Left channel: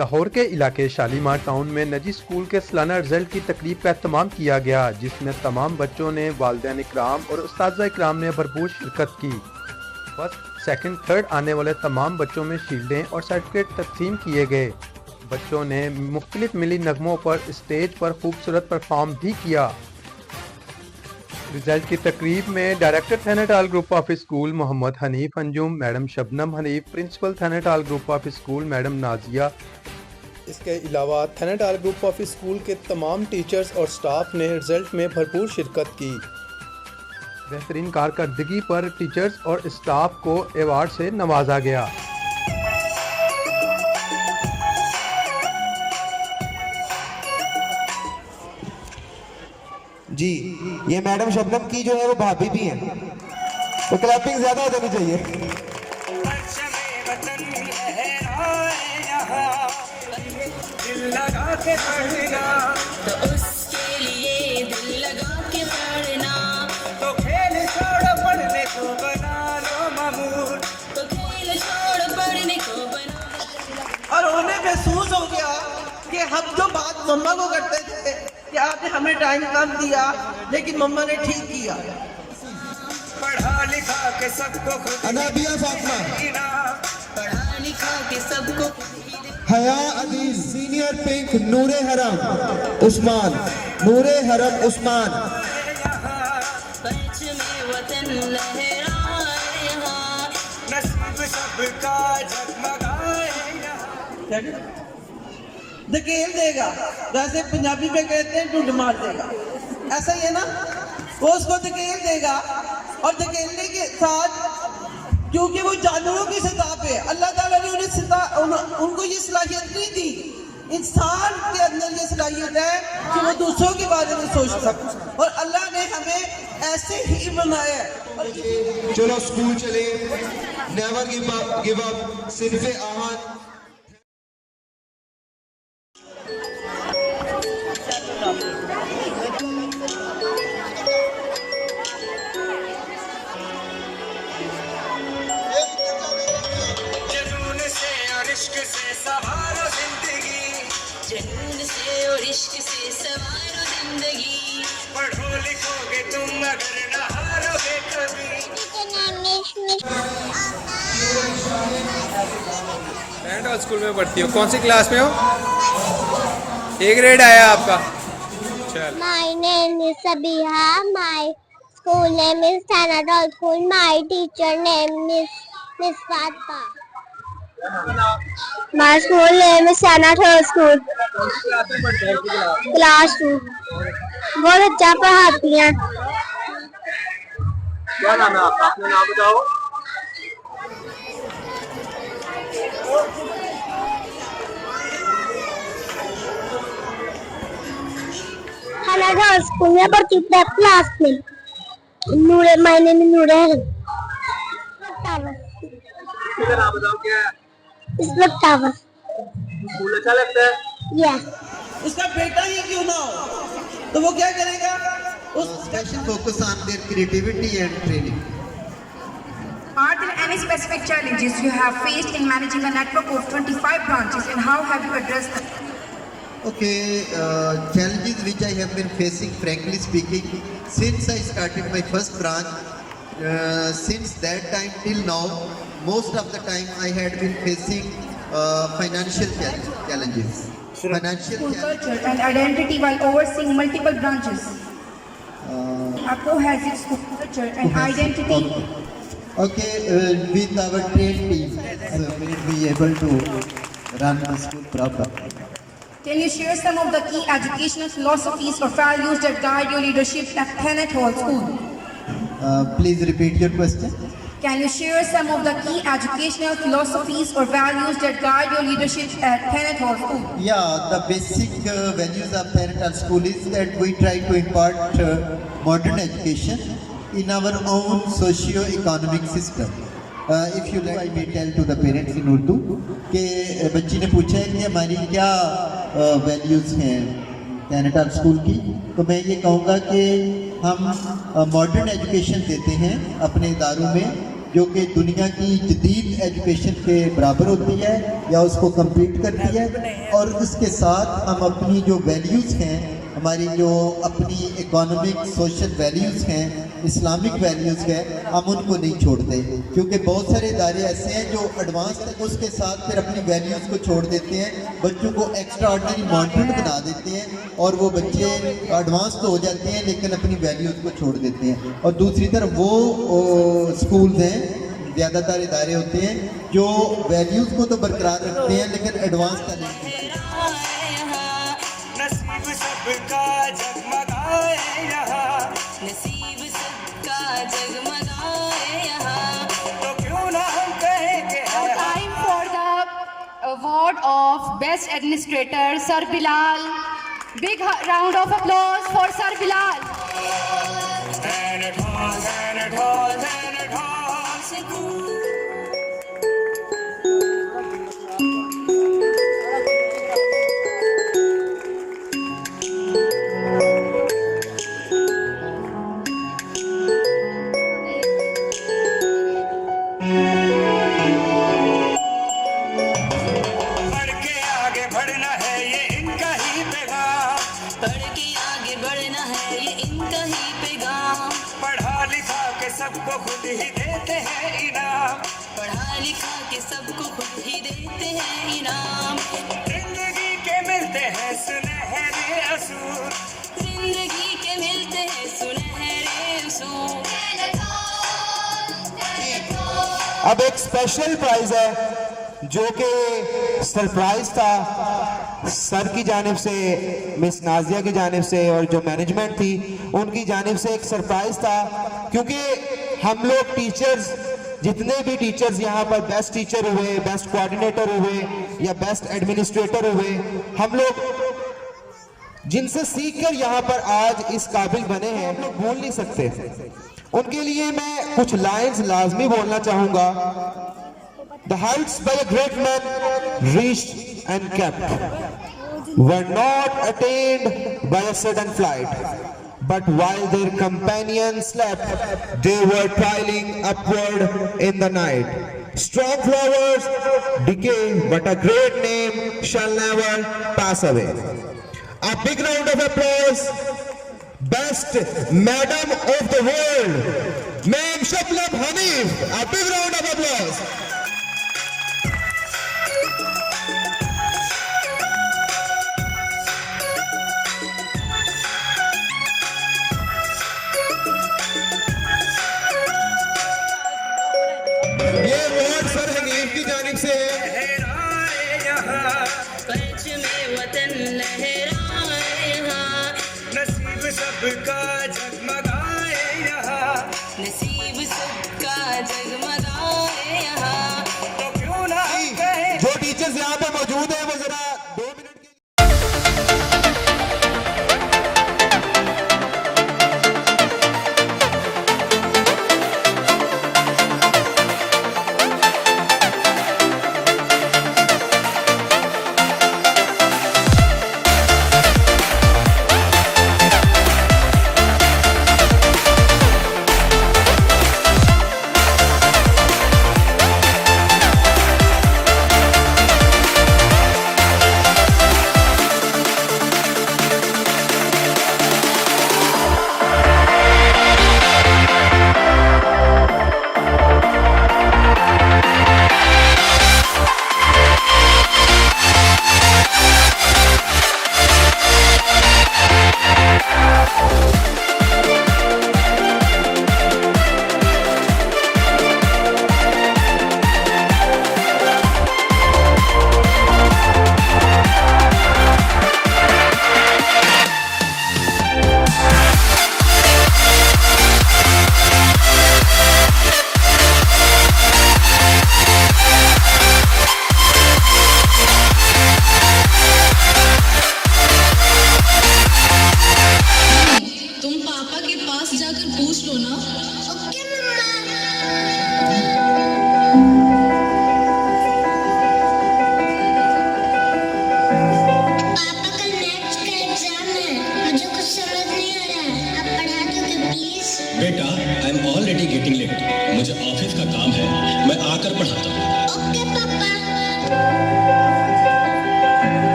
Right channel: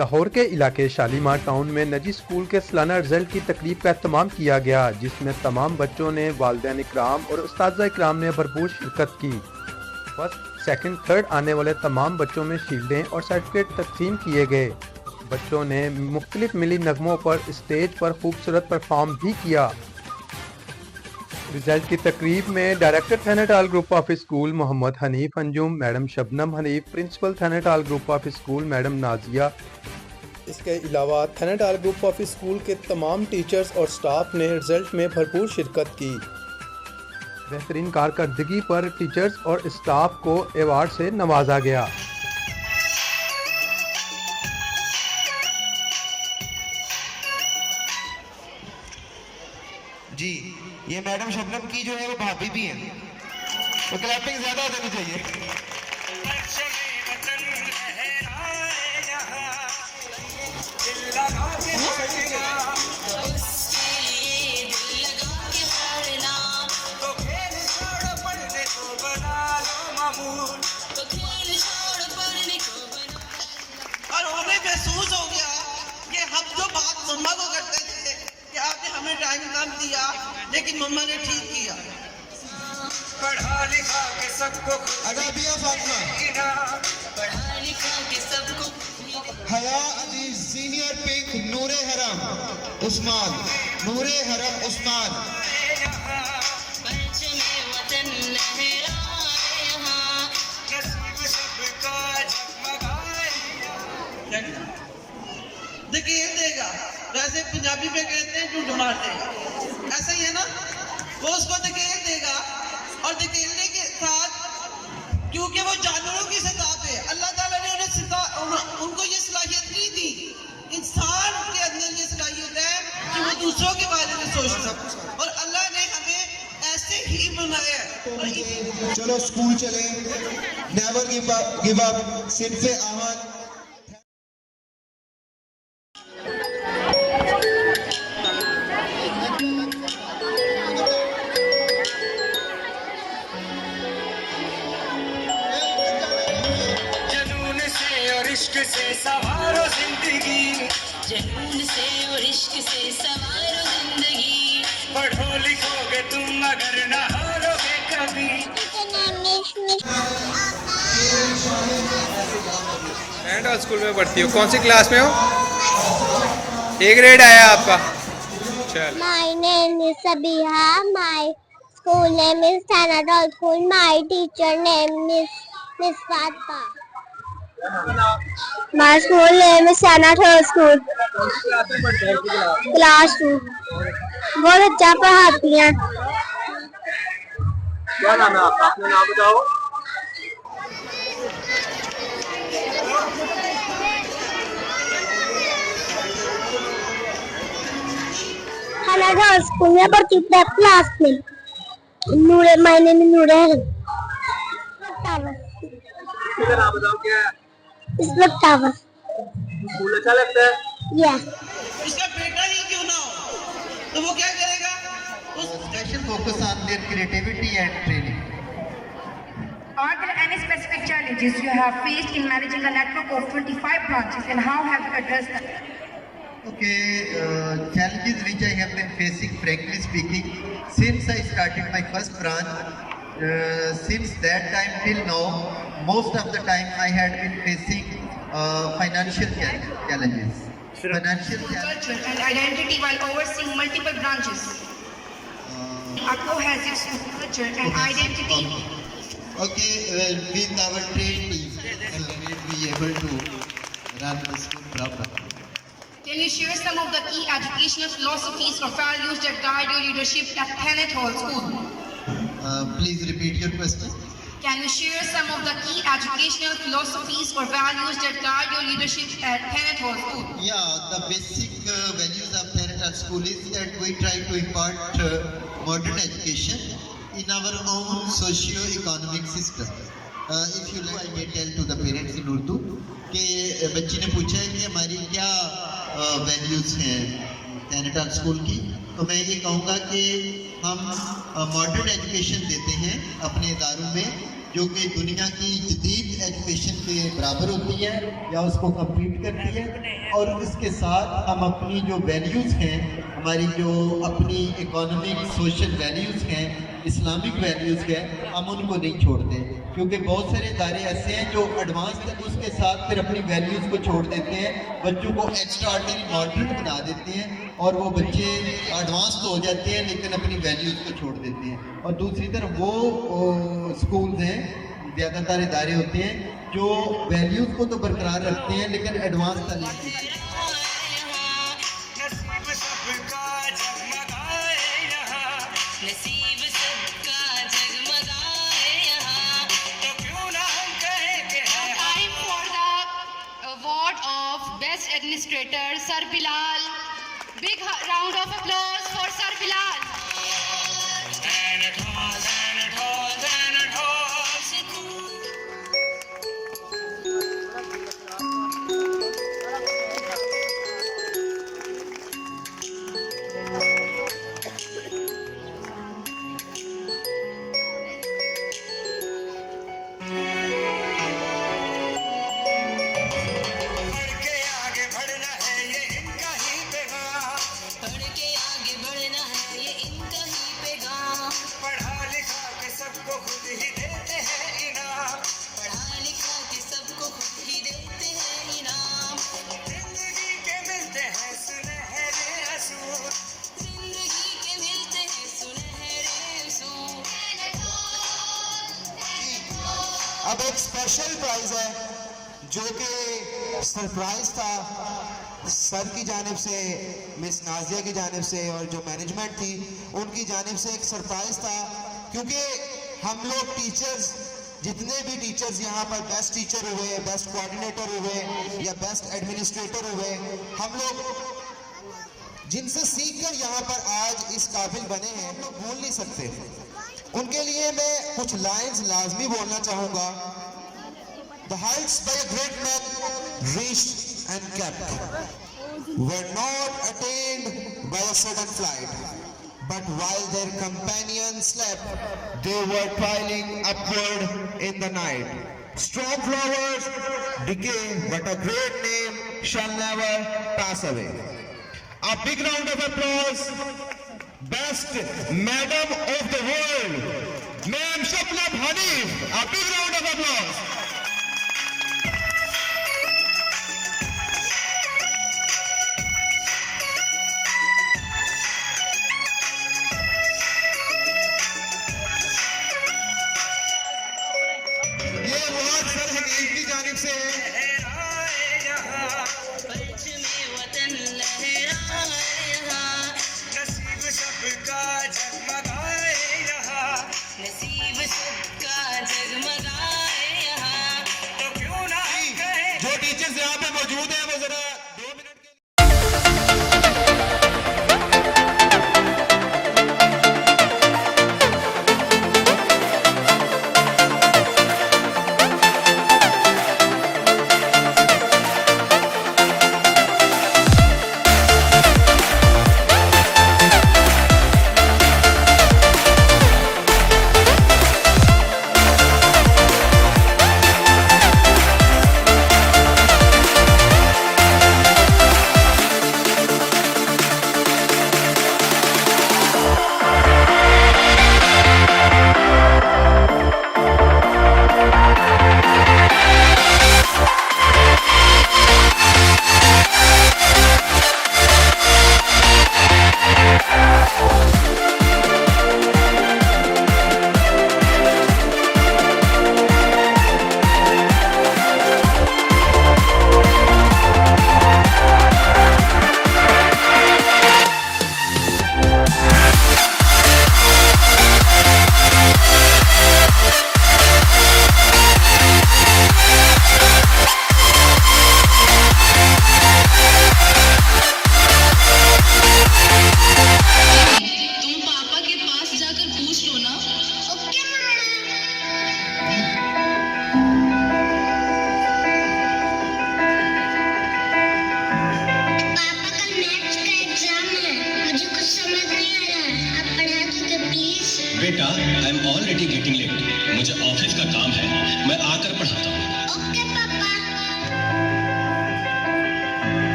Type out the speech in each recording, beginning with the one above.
लाहौर के इलाके शालीमार टाउन में निजी स्कूल के सालाना रिजल्ट की तकरीब का एहतमाम किया गया, जिसमें तमाम बच्चों ने, वालिदैन इकराम और उस्ताद इकराम ने भरपूर शिरकत की। फर्स्ट, सेकंड, थर्ड आने वाले तमाम बच्चों में शील्डें और सर्टिफिकेट तकसीम किए गए। बच्चों ने मुख्तलिफ मिली नगमों पर स्टेज पर खूबसूरत परफॉर्म भी किया। रिजल्ट की तकरीब में director Thanetal group of school Mohammad Hanif Anjum, madam Shabnam Hanif, principal Thanetal group of school madam Nazia, इसके अलावा थैनेटाल ग्रुप ऑफ स्कूल के तमाम टीचर्स और स्टाफ ने रिजल्ट में भरपूर शिरकत की। बेहतरीन कारकर्दगी पर टीचर्स और स्टाफ को अवार्ड से नवाजा गया। जी, ये मैडम शबनम की जो है वो भाभी भी हैं, तो क्लैपिंग ज्यादा हो जानी चाहिए। और उन्हें महसूस हो गया कि हम जो बात मम्मा को करते थे कि आपने हमें टाइम कम दिया, लेकिन मम्मा ने ठीक किया। पढ़ा लिखा के सबको अनाबिया फातिमा, पढ़ा लिखा के सबको हया अजीज, सीनियर पिंक, नूरे हरम उस्मान, नूरे हरम उस्मान, वतन लहराए यहाँ, नसीब सबका जगमगाए। धकेल देगा, वैसे पंजाबी में कहते हैं ढूंढ मार देगा, ऐसा ही है ना। वो उसको धकेल देगा और धकेलने के साथ, क्योंकि वो जानवरों की सतह पे, अल्लाह ताला ने उनको ये सलाहियत नहीं दी। इंसान के अंदर ये सलाहियत है कि वो दूसरों के बारे में सोच सकता, और अल्लाह ने हमें ऐसे ही बनाया है। चलो स्कूल चले, नेवर गिव अप, सिर्फ आहत। इश्क से सवारो जिंदगी, जुनून से और इश्क से सवारो जिंदगी। पढ़ो लिखोगे तुम मगर न हारोगे कभी। थैनेटाल स्कूल में पढ़ती हो, कौन सी क्लास में हो? ए ग्रेड आया आपका। चल। My name is Sabiha. My school name is Thanatal School. My teacher name is Miss Fatma. My school name is Thanatal School. Class 2. बहुत अच्छा पढ़ाती हैं। क्या नाम है आपका? अपना नाम बताओ। Thanatal School में पढ़ती हूँ क्लास में। नूरे, my name is नूरे हरम। इसका नाम बताओ क्या है? इस वक्त टावर। स्कूल अच्छा लगता है? Yes. उसका बेटा ही क्यों ना हो, तो वो क्या करेगा? Special focus on their creativity and training. Are there any specific challenges you have faced in managing a network of 25 branches, and how have you addressed them? Okay, challenges which I have been facing, frankly speaking, since I started my first branch, since that time till now, most of the time I had been facing financial challenges. Financial School challenges. culture and identity while overseeing multiple branches. ACO has its school culture and identity. Okay, with our trained team, we'll be able to run the school properly. Can you share some of the key educational philosophies or values that guide your leadership at Thanatal School? Please repeat your question. Can you share some of the key educational philosophies or values that guide your leadership at Thanatal School? Yeah, the basic values of Thanatal School is that we try to impart modern education in our own socio-economic system. If you like, I may tell to the parents in Urdu कि बच्ची ने पूछा है कि हमारी क्या values हैं थैनेटाल school की, तो मैं ये कहूँगा कि हम मॉडर्न एजुकेशन देते हैं अपने इदारों में जो कि दुनिया की जदीद एजुकेशन के बराबर होती है या उसको कम्पीट करती है, और उसके साथ हम अपनी जो वैल्यूज़ हैं, हमारी जो अपनी इकोनॉमिक सोशल वैल्यूज़ हैं, इस्लामिक वैल्यूज़ हैं, हम उनको नहीं छोड़ते, क्योंकि बहुत सारे इदारे ऐसे हैं जो एडवांस तक उसके साथ फिर अपनी वैल्यूज़ को छोड़ देते हैं, बच्चों को एक्स्ट्रा ऑर्डिनरी मॉडर्न बना देते हैं और वो बच्चे एडवांस तो हो जाते हैं लेकिन अपनी वैल्यूज़ को छोड़ देते हैं। और दूसरी तरफ वो स्कूल्स हैं, ज़्यादातर इदारे होते हैं जो वैल्यूज़ को तो बरकरार रखते हैं लेकिन एडवांस का नहीं करते। नसीब सबका जगमगाए यहाँ, नसीब सबका जगमगाए यहाँ। तो क्यों ना हम कहेंगे Time for the award of Best Administrator, Sir Bilal. Big round of applause for Sir Bilal. and it halls, and it halls, and it halls. बढ़ के आगे बढ़ना है ये इनका ही पैगाम, बढ़ के आगे बढ़ना है ये इनका ही पैगाम। पढ़ा लिखा के सबको खुद ही देते हैं इनाम, पढ़ा लिखा के सबको खुद ही देते हैं इनाम। जिंदगी के मिलते हैं सुनहरे असूल, जिंदगी के मिलते हैं सुनहरे असूल। अब एक स्पेशल प्राइज है जो कि सरप्राइज था सर की जानिब से, मिस नाजिया की जानिब से, और जो मैनेजमेंट थी उनकी जानिब से एक सरप्राइज था, क्योंकि हम लोग टीचर्स, जितने भी टीचर्स यहाँ पर बेस्ट टीचर हुए, बेस्ट कोऑर्डिनेटर हुए या बेस्ट एडमिनिस्ट्रेटर हुए, हम लोग जिनसे सीखकर यहाँ पर आज इस काबिल बने हैं, हम लोग भूल नहीं सकते। उनके लिए मैं कुछ लाइंस लाजमी बोलना चाहूंगा। The heights by a great man reached and kept were not attained by a sudden flight, but while their companions slept, they were toiling upward in the night. Strong flowers decay, but a great name shall never pass away. A big round of applause. Best Madam of the World, Ma'am Shabnam Hanif. A big round of applause. ये award sir Hanif की जानिब से है। लहराए यहाँ, परचमे वतन लहराए यहाँ। नसीब सबका जगमगाए यहाँ, नसीब सबका जगमगाए यहाँ। तो क्यों ना हम कहें जो टीचर्स यहाँ पे मौजूद हैं वो जरा 2 मिनट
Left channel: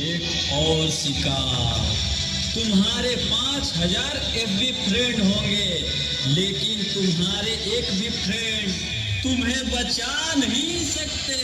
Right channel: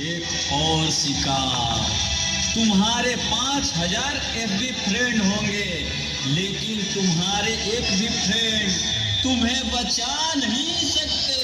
एक और शिकार, तुम्हारे 5000 FB फ्रेंड होंगे, लेकिन तुम्हारे एक भी फ्रेंड तुम्हें बचा नहीं सकते।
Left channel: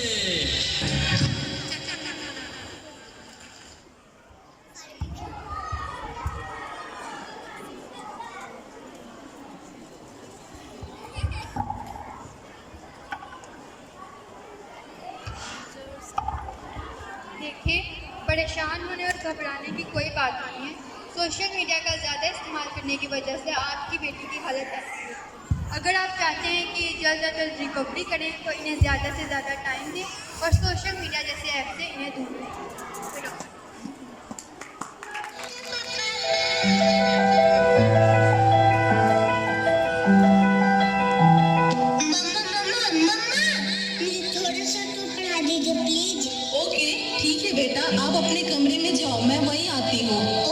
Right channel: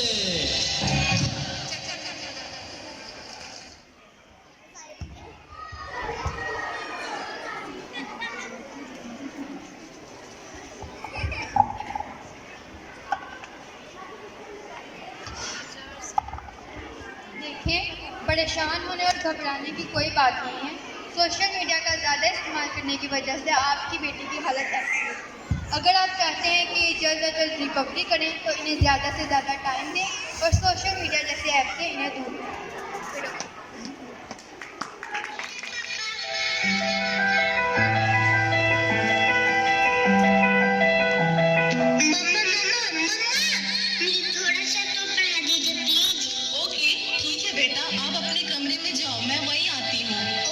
देखिए, परेशान होने और घबराने की कोई बात नहीं है। सोशल मीडिया का ज़्यादा इस्तेमाल करने की वजह से आपकी बेटी की हालत ऐसी है। अगर आप चाहते हैं कि जल्द से जल्द रिकवरी करें तो इन्हें ज़्यादा से ज़्यादा टाइम दें और सोशल मीडिया जैसे ऐप से इन्हें दूर रखें। ओके ठीक है बेटा, आप अपने कमरे में जाओ, मैं वहीं आती हूँ।